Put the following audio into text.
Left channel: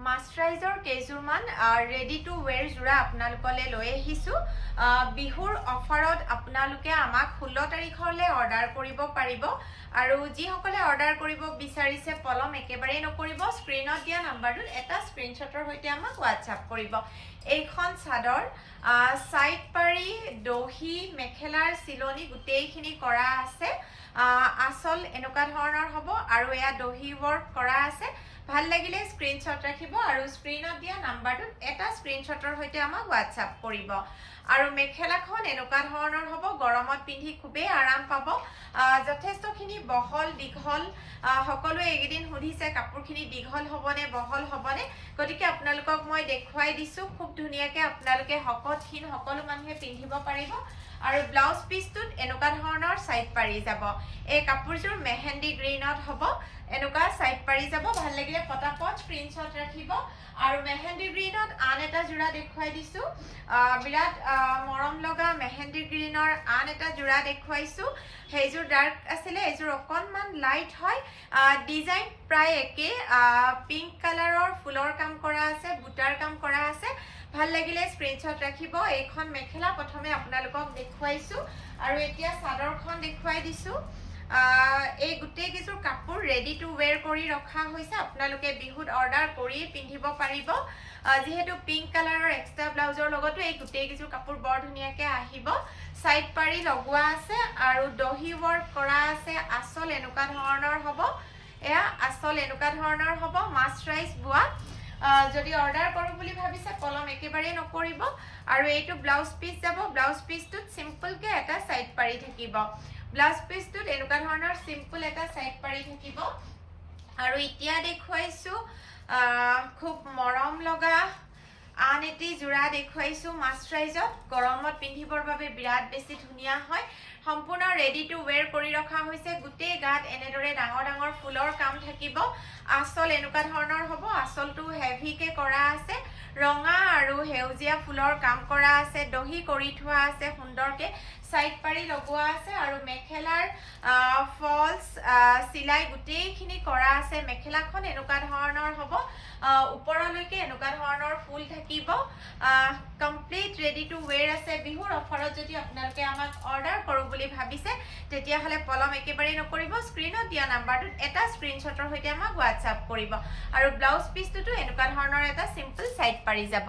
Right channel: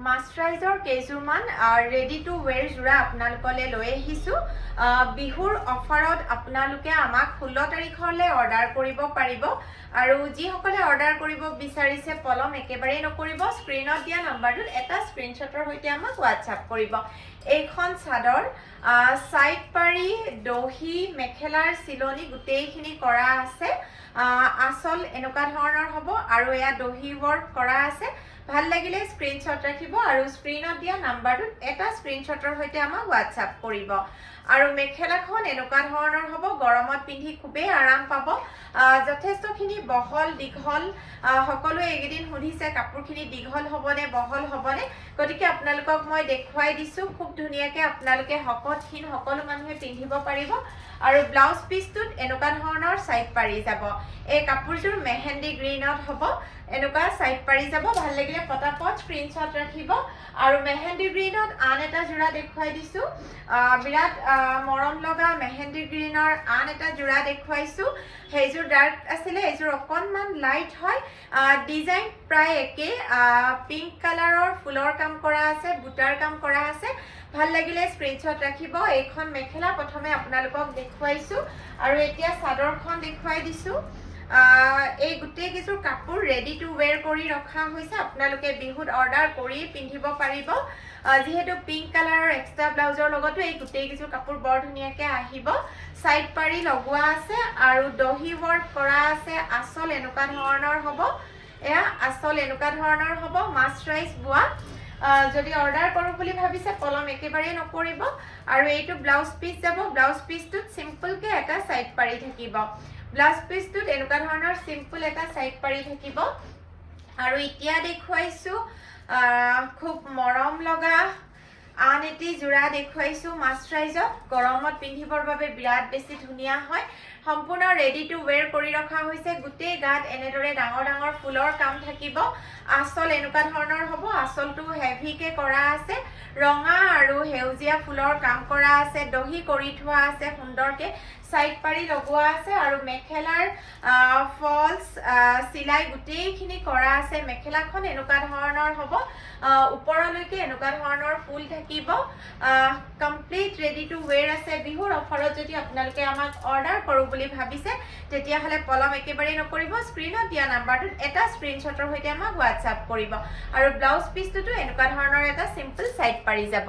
মাস্টাৰাইজৰ কেইজোৰমান ready to ৱেৰ জোৰা আপোনালোকলৈ লৈ আহিছোঁ বিহুৰ অফাৰত আপোনালোকে আমাক 16 তাৰিখলৈ অৰ্ডাৰ কৰিব পাৰিব আৰু যিসকলে অৰ্ডাৰ কৰিব বিচাৰিছে পলম একেবাৰে নকৰিব স্ক্ৰীনত দিয়া নাম্বাৰটোত এটা স্ক্ৰীনশ্বটৰ সৈতে আমাক হোৱাটছআপ কৰিব এইখন চাদৰ সাইড পাৰি দহি মেখেলাৰ চিলনি গোটেইখিনি কৰা আছে আসল এনেকুৱা ধৰণৰ হ'ব আৰু এয়া দহি ৱৰ্ক কৰা আছে ভাল লাগিলে স্ক্ৰীনশ্বট ৰাখিব আৰু স্ক্ৰীনত দিয়া নাম্বাৰটোত এটা স্ক্ৰীনশ্বটৰ সৈতে আমাক হোৱাটছআপ কৰিব আৰু মেখেলাখন এনেকুৱা ধৰণৰ হ'ব গৰমত পিন্ধি খুবেই আৰাম পাব যথেষ্টখিনি বহল দীঘল সকলোৱে এইকেইদিন সুধিছে কাপোৰখিনি দীঘল হ'বনে বহল হ'বনে গতিকে আপোনালোকক মই দেখুৱাই দিছোঁ খুব ধুনীয়াকৈ আপোনালোকে শকতহীন সকলো মানুহে পিন্ধিব পাৰিব আৰু ব্লাউজ পিচটোত এনেকুৱা ধৰণৰ সাইড পাৰি যাব এই কাপোৰযোৰ মেহেন্দি গ্ৰীনত হ'ব এনেকুৱা সাইড পাৰি যাব ভাল লাগিলে পটাপট স্ক্ৰীনশ্বট ৰাখিব আৰু মেহেন্দি গ্ৰীনত আন এটা জোৰা দেখুৱাই দিছোঁ বিৰাট মৰম লগা মেহেন্দি গ্ৰীনৰ আন এটা জোৰা দেখুৱাইছোঁ সেইযোৰ ডাৰ্ক আছিলে এইযোৰ অকণমান লাইট হয় ডিজাইন প্ৰায় একেই পিংক কালাৰৰ ফুলৰ কাম কৰা আছে বুটাৰ কাম কৰা আছে ভাল লাগিলে স্ক্ৰীনশ্বট ৰাখিব এইখন মেখেলা প্ৰথমে আপোনালোকক দেখুৱাইছোঁ আৰু এতিয়া চাদৰখন দেখুৱাই দিছোঁ এই গোটেই কিছু কাপোৰ ৰেডি টু ৱেৰ কৰি ৰখা হৈছে আপোনালোকে বিহুত অৰ্ডাৰ কৰি পিন্ধিব পাৰিব যেহেতু পিংক কালাৰৰ এক্সট্ৰা ব্লাউজৰ লগতো এই গোটেই কিছু কাপোৰ বৰ ধুনীয়াকৈ আহিব সাইড পাৰি লগোৱা আছে আৰু দহি ৱৰ্ক কৰা আছে আসল এনেকুৱা ধৰণৰ হ'ব এয়া আসল এনেকুৱা ধৰণৰ হ'ব মাস্টাৰাইজ বোৱা যদি অৰ্ডাৰ কৰোঁ বুলি ভাবিছে পলম একেবাৰে নকৰিব আৰু এইটো ব্লাউজ পিচ যাব ব্লাউজ পিচটোত চিম্পলকৈ এটা সাইড পাৰি থাকিব ব্লাউজ পিচটোত এনেকুৱা ধৰণৰ চিম্পল এটা সাইড পাৰি থাকিব আৰু এতিয়া দেখুৱাইছোঁ খুব মৰম লগা আন এটি জোৰা দেখুৱাইছোঁ মাস্টাৰাইজত গৰমত পিন্ধিবৰ বাবে বিৰাট বেছি ধুনীয়া হয় সম্পূৰ্ণ ৰেডি টু ৱেৰ কৰি ৰখা হৈছে গোটেই গাত এনেদৰে ডাঙৰ ডাঙৰ ফুলৰ কাম থাকিব আসল এনেকুৱা ধৰণৰ হ'ব আসলটো হেভিকে কৰা আছে ৰঙা আৰু সেউজীয়া ফুলৰ কাম কৰা আছে দহি কৰি থোৱা আছে সুন্দৰকে সাইড পাৰি লগোৱা আছে আৰু মেখেলাৰ ফলছ চিলাই গোটেইখিনি কৰা আছে মেখেলাখন এনেকুৱা ধৰণৰ হ'ব ওপৰলৈকে এনেকুৱা ধৰণৰ ফুল থাকিব কমপ্লিট ৰেডি টু ৱেৰ আছে বিহুৰ অফাৰত যদি আপোনালোকে আমাক অৰ্ডাৰ কৰোঁ বুলি ভাবিছে তেতিয়াহ'লে পলম একেবাৰে নকৰিব স্ক্ৰীনত দিয়া নাম্বাৰটোত এটা স্ক্ৰীনশ্বটৰ সৈতে আমাক হোৱাটছআপ কৰিব আৰু ব্লাউজ পিচটোতো এনেকুৱা ধৰণৰ এটা চিম্পল সাইড পাৰি যাব